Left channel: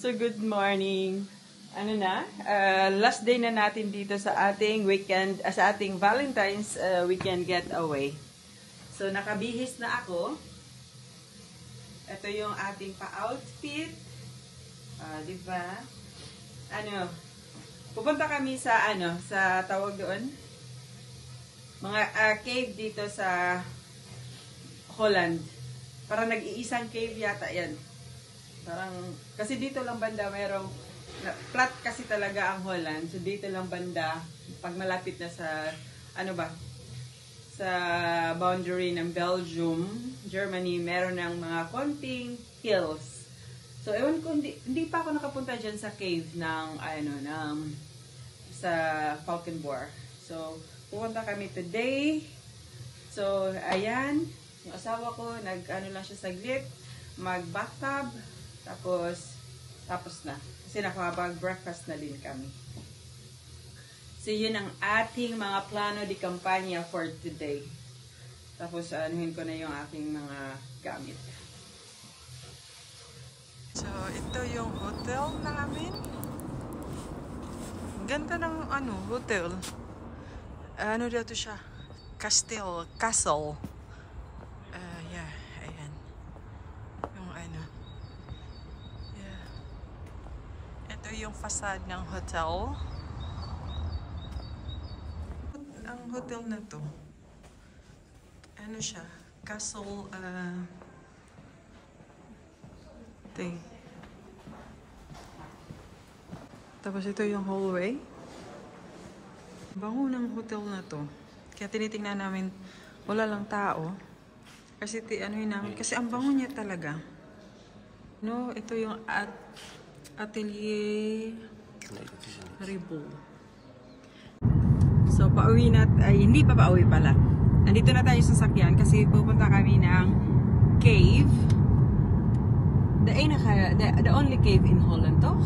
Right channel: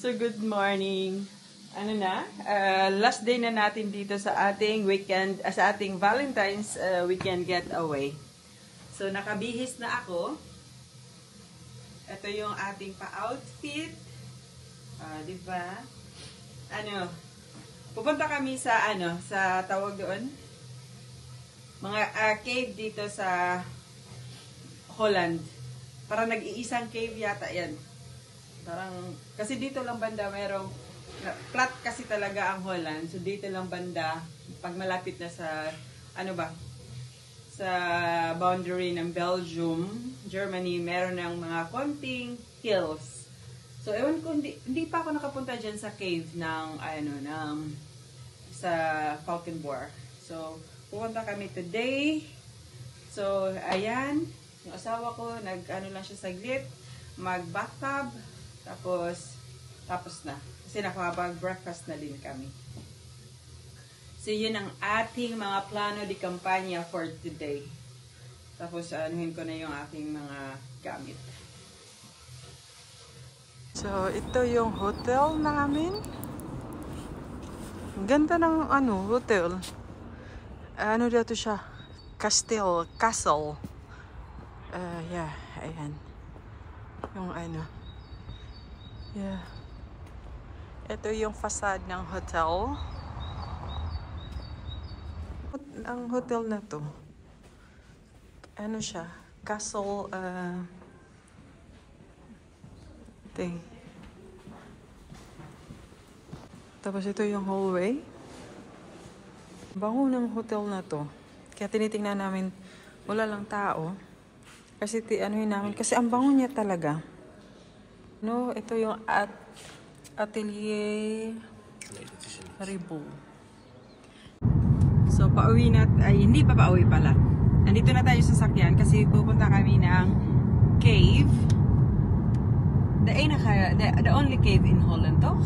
So, good morning. Ano na? Last day na natin dito sa ating weekend, sa ating Valentine's weekend getaway. So, nakabihis na ako. Ito yung ating pa-outfit. Diba? Ano? Pupunta kami sa, sa tawag doon? Mga cave dito sa Holland. Parang nag-iisang cave yata yan. Parang, kasi dito lang banda mayroong, flat kasi talaga ang Holland. So, dito lang banda, pag malapit na sa, sa boundary ng Belgium, Germany, meron ng mga konting hills. So, ewan ko, hindi pa ako nakapunta dyan sa cave sa Falkenborg. So, pupunta kami today. So, ayan, yung asawa ko, lang siya saglit, mag-bathtub, tapos na. Kasi nakapag-breakfast na din kami. So, yun ang ating mga plano di kampanya for today. Tapos, anuhin ko na yung aking mga gamit. So, ito yung hotel namin. Ganda ng hotel. Ano dito siya? Castle. Yeah, ayan. Yung yeah. Ito yung facade ng hotel. Ang hotel na to, siya? Castle, thing. Tapos ito yung hallway. Bango ng hotel na to. Kaya tinitingnan namin, wala lang tao. Kasi kasi ang bango niya talaga. No, ito yung Atelier Ribot. So, pauwi na, hindi pa pauwi pala. Nandito na tayo sa sakyan kasi pupunta kami ng cave. The only cave in Holland, toch?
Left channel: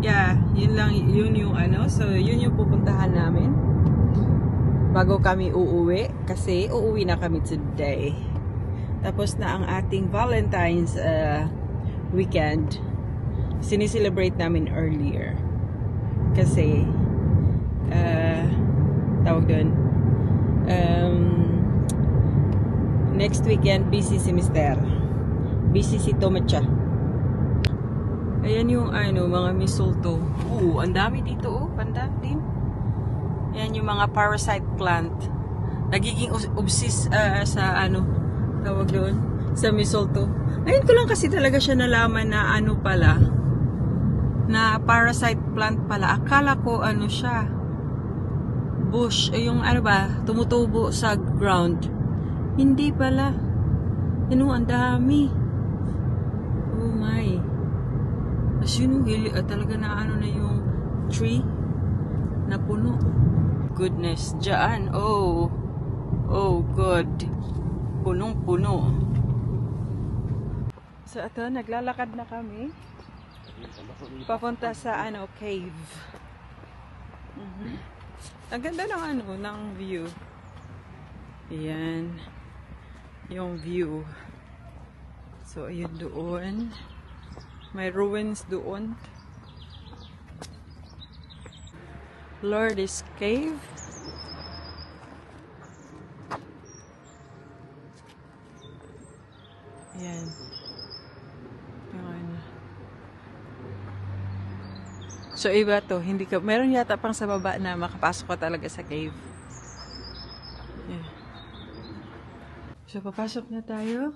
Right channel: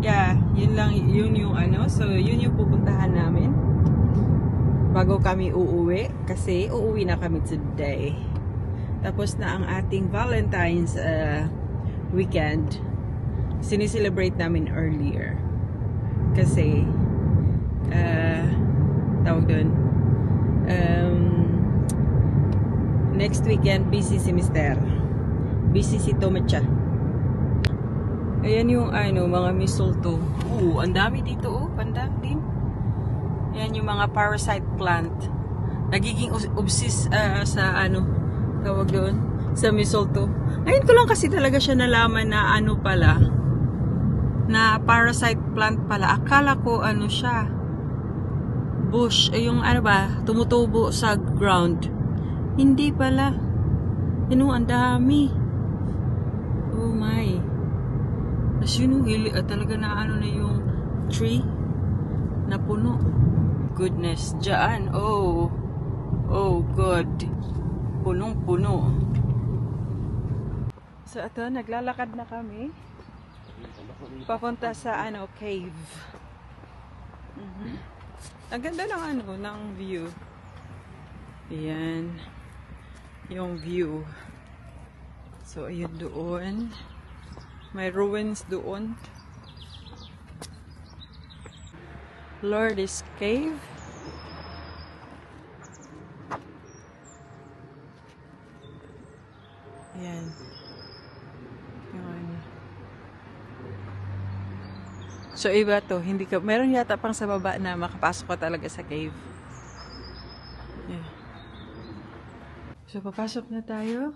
Yeah, yun yung so yun yung pupuntahan namin bago kami uuwi kasi uuwi na kami today. Tapos na ang ating Valentine's weekend. Sinicelebrate namin earlier kasi tawag doon next weekend busy si Mr. Busy si Tomacha. Ayan yung mga mistletoe. Ang dami dito banda din. Ayan yung mga parasite plant. Nagiging obsessed sa tawag doon, sa mistletoe. Ayun ko lang kasi talaga siya nalaman na pala, na parasite plant pala. Akala ko siya, bush, yung tumutubo sa ground. Hindi pala. Ang dami. Oh my. As yun, talaga na na yung tree na puno. Goodness, dyan. Oh good. Punong-puno. So, ito, naglalakad na kami. Papunta sa cave. Ang ganda ng view. Ayan. Yung view. So, ayun doon. May ruins doon. Lourdes Cave. Ayan. So, iba to. Meron yata pang sa baba na makapasok ka talaga sa cave. Yeah. So, papasok na tayo.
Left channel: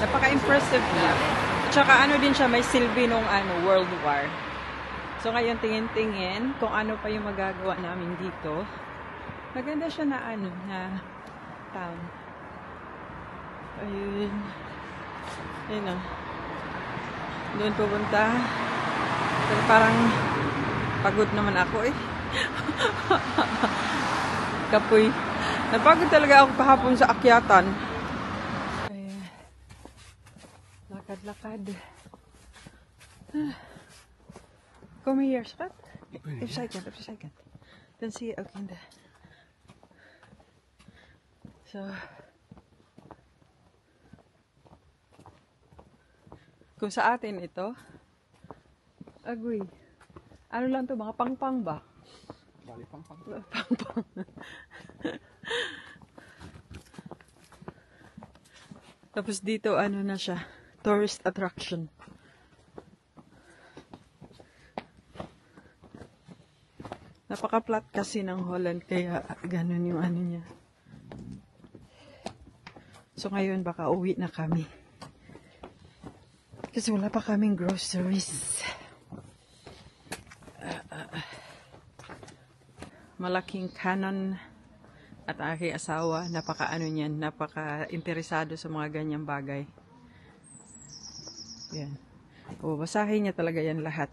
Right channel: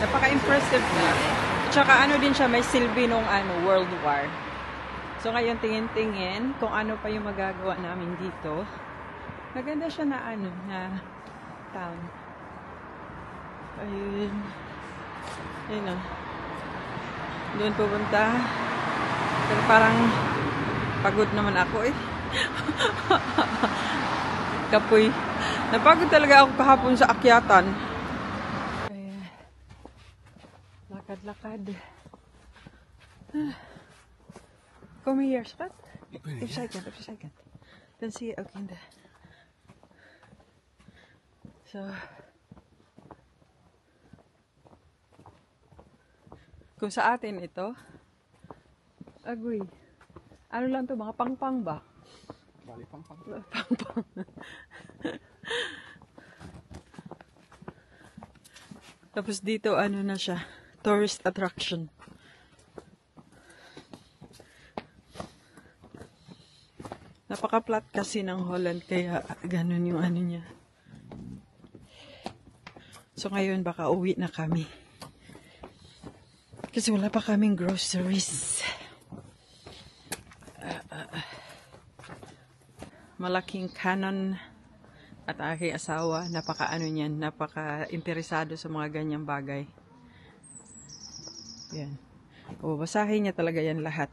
Napaka-impressive niya. Tsaka ano din siya, may silbi nung World War. So ngayon tingin-tingin kung ano pa yung magagawa namin dito. Maganda siya na na town. Ayun. Ayun o. Doon pupunta. Pero parang pagod naman ako eh. Kapoy. Napagod talaga ako kahapon sa akyatan. Lakad-lakad. Kom hier, schat. Even zijkant, even zijkant. Dan zie je ook in de... Zo. Kung sa atin ito, agoy. Ano lang to, mga pang-pang ba? Bali, pang-pang. Pang-pang. Tapos dito, ano na siya, tourist attraction. Napaka-flat kasi ng Holland, kaya ganun yung ano niya. So ngayon, baka uwi na kami. Kasi wala pa kaming groceries. Malaking Canon at aking asawa, napaka-ano niyan, napaka-interesado sa mga ganyang bagay. Yan. O, basahin niya talaga yan lahat.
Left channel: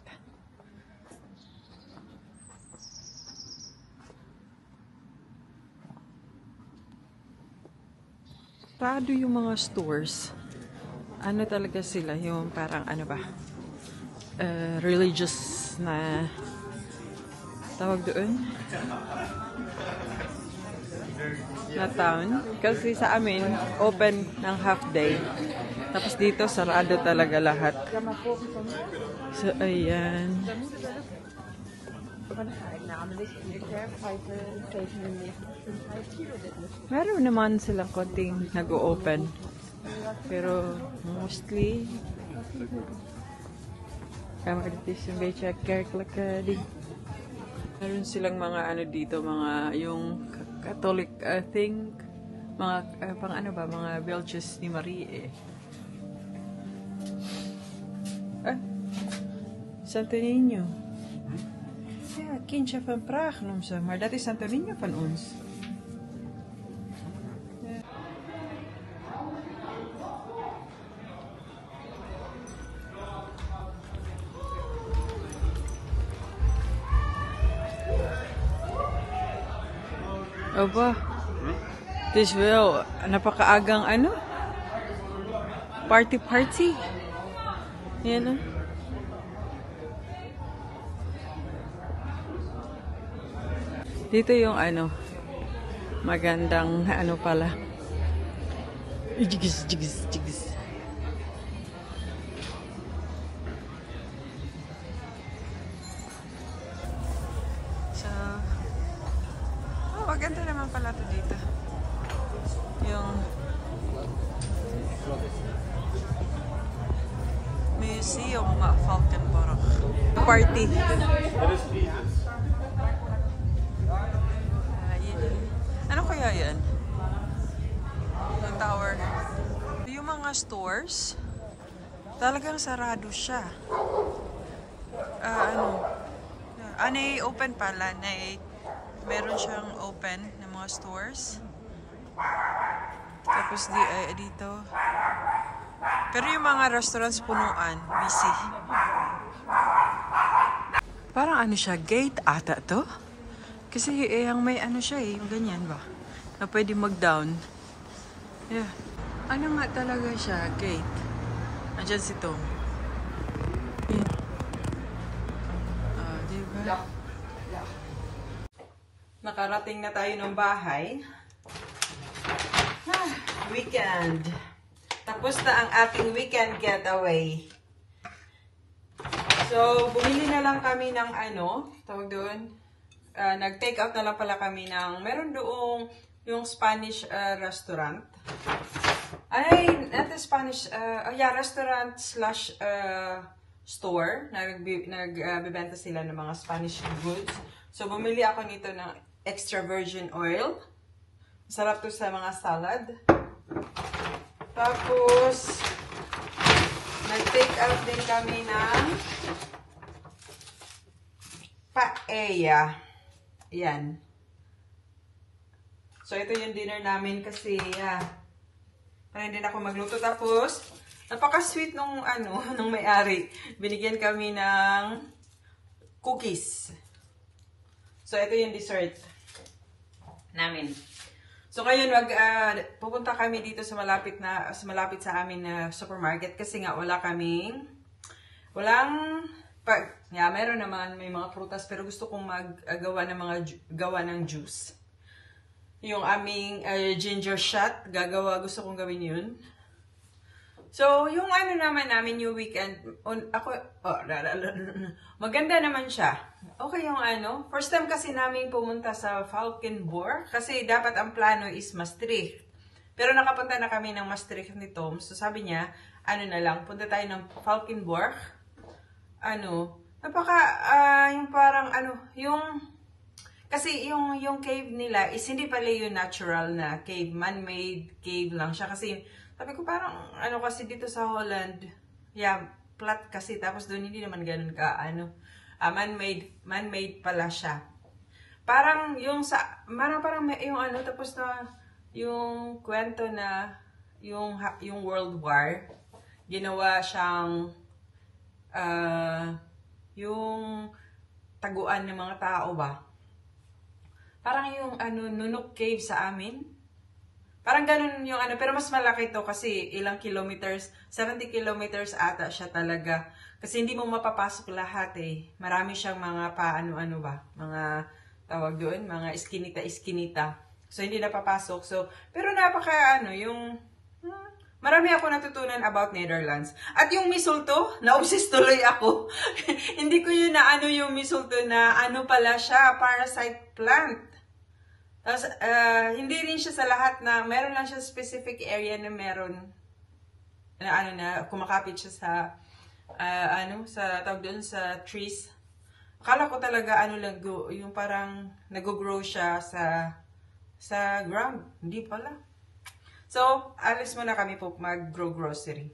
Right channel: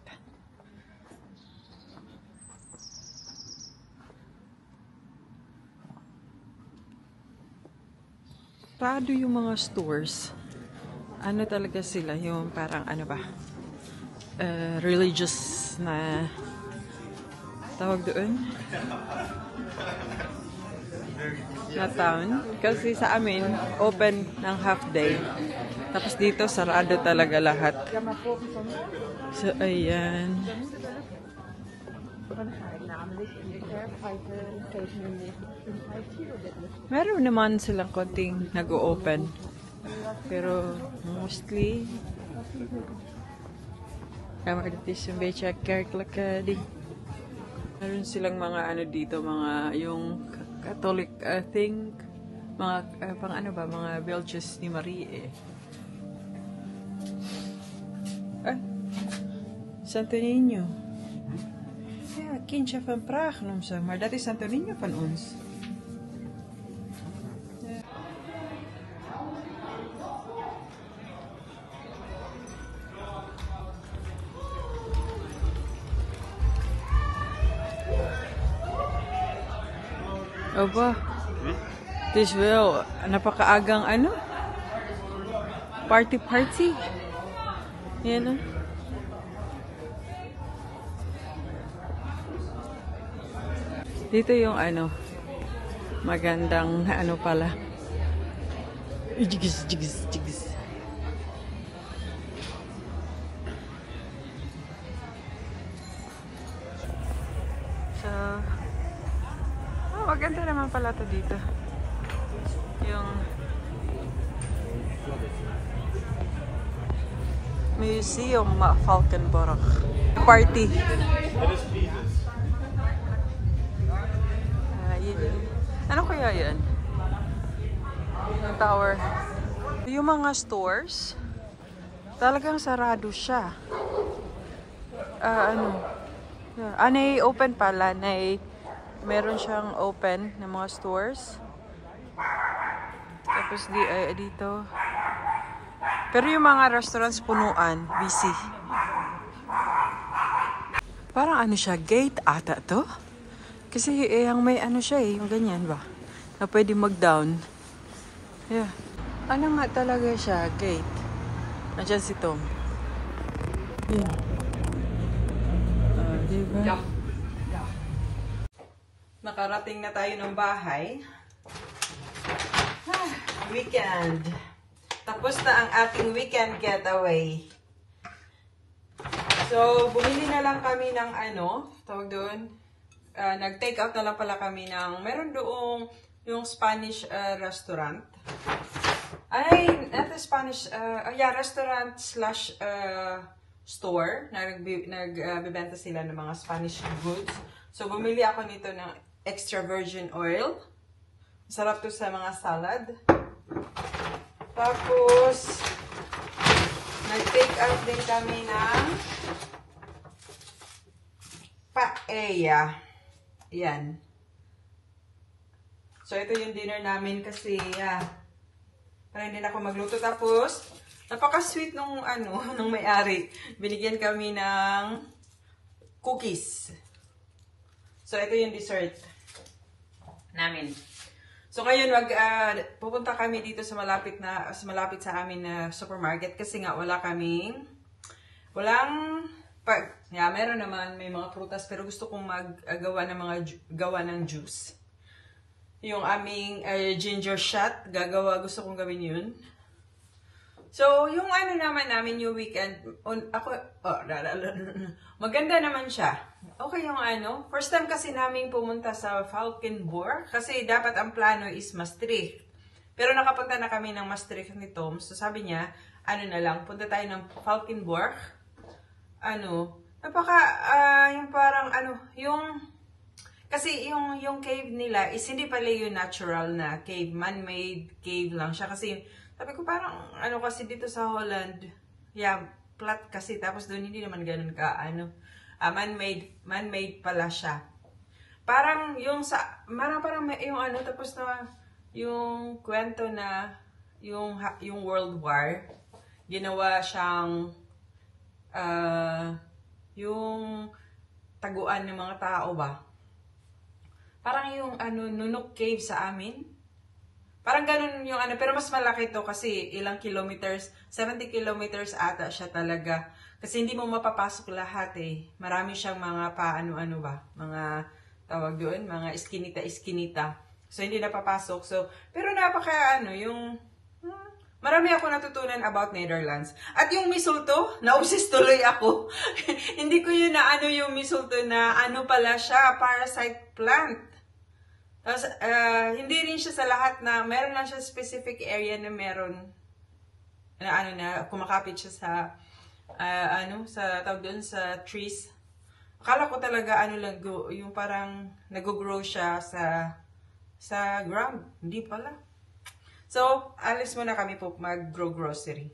Rado yung mga stores. Ano talaga sila, yung parang ano ba, religious na tawag doon na town. Kasi sa amin, open ng half day. Tapos dito, sarado talaga lahat. So, ayan. Meron naman silang konting nag-o-open. Pero, mostly, kama dito yung becha kerklakadi. Meron silang mga ano dito, mga yung Catholic thing, mga pang ano ba, mga belches ni Marie eh. Santo Niño. Ja, kindje van Praag noem ze, maar dat is Santo Niño van ons. Opa, het is wel napakaagang ano? Party. Yan ah. Dito yung ano, magandang ano pala. Jigis. So, maganda naman pala to dito. Yung Museum Valkenburg. Party. Ano kaya yan? Yung tower. Yung mga stores, talagang sarado siya. Open pala. Meron siyang open na mga stores. Tapos dito. Pero yung mga restaurants punuan, busy. Parang ano siya, gate ata to? Kasi yung may ano siya yung ganyan ba? Na pwede mag-down. Yeah. Ano nga talaga siya, gate? Andyan si Tom. Yeah. Diba? Nakarating na tayo ng bahay. Weekend. Tapos na ang ating weekend getaway. So, bumili na lang kami ng ano, tawag doon. Nag-take out na lang pala kami ng, meron doong yung Spanish restaurant. Ay, not a Spanish, restaurant slash store. Nagbibenta sila ng mga Spanish goods. So, bumili ako nito ng extra virgin oil. Masarap to sa mga salad. Tapos, nag-take out din kami ng paella. Yan. So, ito yung dinner namin kasi, para hindi na ako magluto. Tapos, napaka-sweet nung, nung may-ari. Binigyan kami ng cookies. So, ito yung dessert namin. So, ngayon, pupunta kami dito sa malapit sa amin na supermarket kasi nga meron naman, may mga prutas, pero gusto kong gawa ng juice. Yung aming ginger shot, gusto kong gawin yun. So, yung naman namin yung weekend, maganda naman siya. Okay yung first time kasi namin pumunta sa Valkenburg, kasi dapat ang plano is Maastricht. Pero nakapunta na kami ng Maastricht ni Tom, so sabi niya, punta tayo ng Valkenburg. Kasi yung cave nila is hindi pala yung natural na cave, man-made cave lang siya. Kasi sabi ko parang kasi dito sa Holland, flat kasi, tapos doon hindi naman ganun ka, man-made pala siya. Parang yung tapos na yung kwento na yung World War, ginawa siyang yung taguan ng mga tao ba? Parang yung Nunuk Cave sa amin. Parang ganun yung pero mas malaki to kasi ilang kilometers, 70 kilometers ata siya talaga. Kasi hindi mo mapapasok lahat eh. Marami siyang mga mga tawag doon, mga iskinita. So hindi napapasok. So, pero marami ako natutunan about Netherlands. At yung misulto, na-obsess tuloy ako. Hindi ko yun yung misulto na pala siya, parasite plant. Tapos, hindi rin siya sa lahat meron lang siya specific area na meron na kumakapit siya sa tawag doon sa trees. Akala ko talaga yung parang nag-grow siya sa ground. Hindi pala. So, alis muna kami po mag-grow grocery.